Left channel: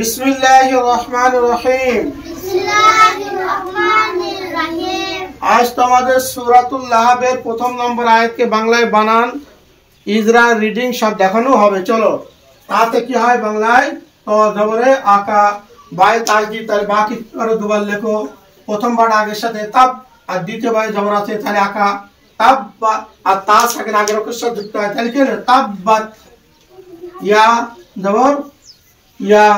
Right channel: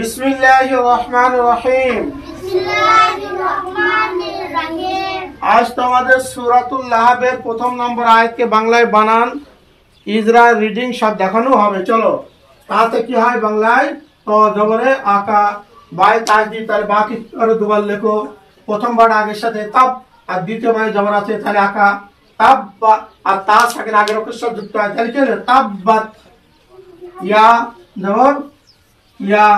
বিসমিল্লাহির রহমানির রহিম। আজ তোমাদের সূরাতুল লাহাবের প্রথম নম্বর আয়াতকে বাংলায় বানান, ইজরা, রিডিং সব দেখানো হবে। চলো, তাতে কি হয় বাংলায়? তো জবরে আকা, বাই তাজদিদ, তাহলে বাকি আরো দুবার লেখো। প্রথমবার আগের সাথে তাব, আর দ্বিতীয়বার জবর আছে তাহলে আকা তাব, আর তা সাকিন আগের অক্ষর সাথে যুক্ত হয় তাহলে কি হলো? তাব্বাত। ইয়া জবর ইয়া,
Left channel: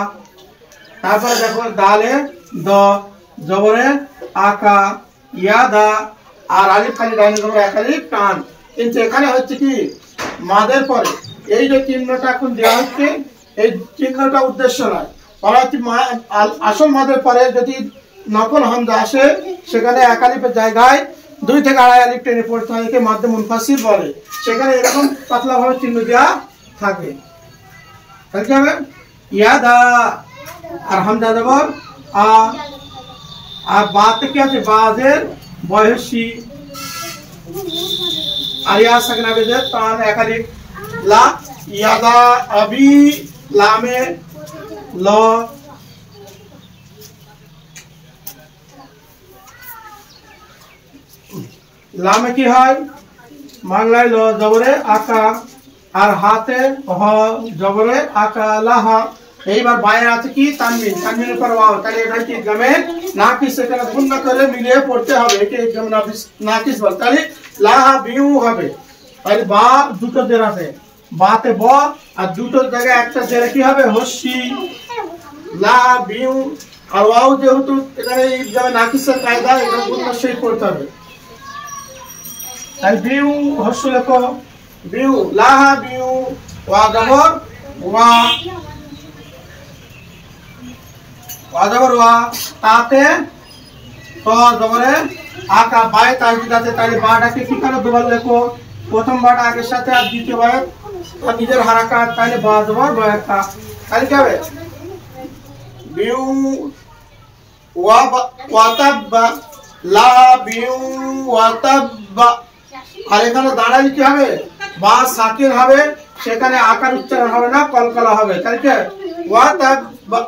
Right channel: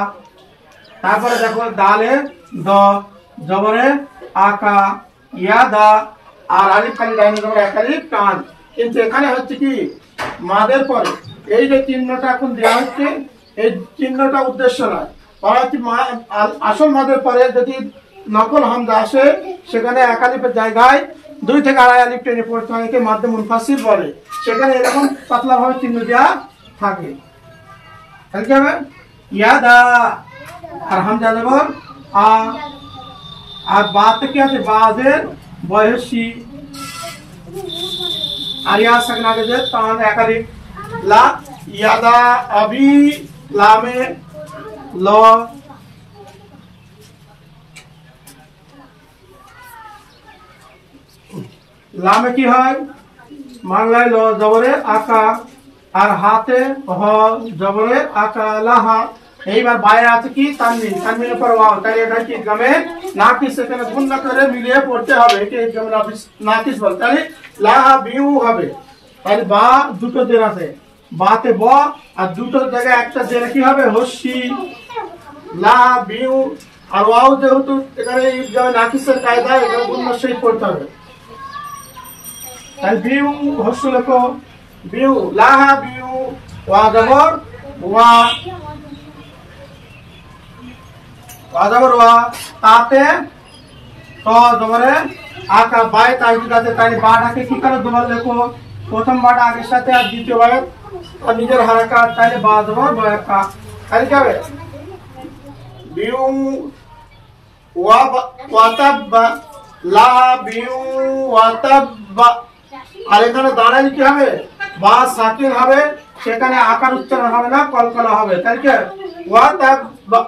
তারপরে দেখো দালে দ, জবরে আকা, ইয়া দা, আর আলিফ খালি ডাইনে জবর এক আলিফ টান। কিন্তু এখানে হচ্ছে কি মাদের পরে এই যে চিহ্নটা এখন দেওয়া হচ্ছে, এই চিহ্নটা উদ্দেশ্য নয়। আসল মাদের পরে যদি নকল হামজা আসে, সেখানে এক আলিফের জায়গায় 2 থেকে আড়াই আলিফ টেনে পড়তে হয়, একে মাধ্যম মুনফাসিল বলে। সেখানে এরকম পাতলা ভাবে চিহ্ন দেওয়া থাকে। তাহলে কি হবে? ইয়াদা, আর হামজা জবর আ, আর বাতে কি আছে? বাজের বয়সী, আর ইয়া সাকিন আগে যে তান এক আলিফ লা, ইয়াদা আবি, লামে ল, লামে কি হয়? বাংলায় ল জবরে আকা, আর হাতে হ জবরে আকা লাহা। এইবার বাইরে আছে কি তানবিন, তানবিনের পর ওয়াও, তাহলে এটা কি ইদগামে নাকিস, এখানে গুণনা করে মিলিয়ে পড়তে হবে, একে ইদগামে নাকিস বল। তাহলে লাহা বিউ হবে। তাহলে বা দুটো জের আছে, বাতে ব, আর দুটো জায়গায় একটা জের কি হবে? হস্যি, লা বিউ। আর ওয়াও যেহেতু এখানে ইদগামে নাকিসের কায়দা, এটা গুণনা সেই পড়তে হবে। তাহলে বিউ হস্য লেখো, বিউ লাহা বিউ, ওয়া জবর ওয়া, ওয়া জবর ওয়া, তাতে ত জবরে আকা, বাই তাজদিদ আছে, তাহলে বাটাকে কি করে দুবার লেখো? প্রথম বাটা আগের সাথে, আর দ্বিতীয় বার আর নিজের হারাকাত, তাহলে বা জবর বায়াকা। তাহলে কি হবে? বিউ ওয়া ওয়াতাব্বা, লা বিউ ওয়াতাব্বা। আর এখানে দাঁড়ালে কি হবে? বা সাকিন হবে, সেখানে আকার উচ্চারণ হবে না, কলকলা হবে। তাই কি ওয়াতাব্বা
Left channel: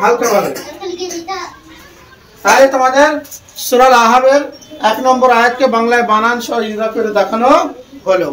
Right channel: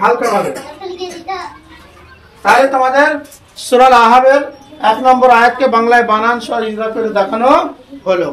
হালকা হবে। তাই তোমাদের সূরা লাহাবের 1 নম্বর আয়াতকে বাংলায় বানান সহ ইজরা করে দেখানো হলো।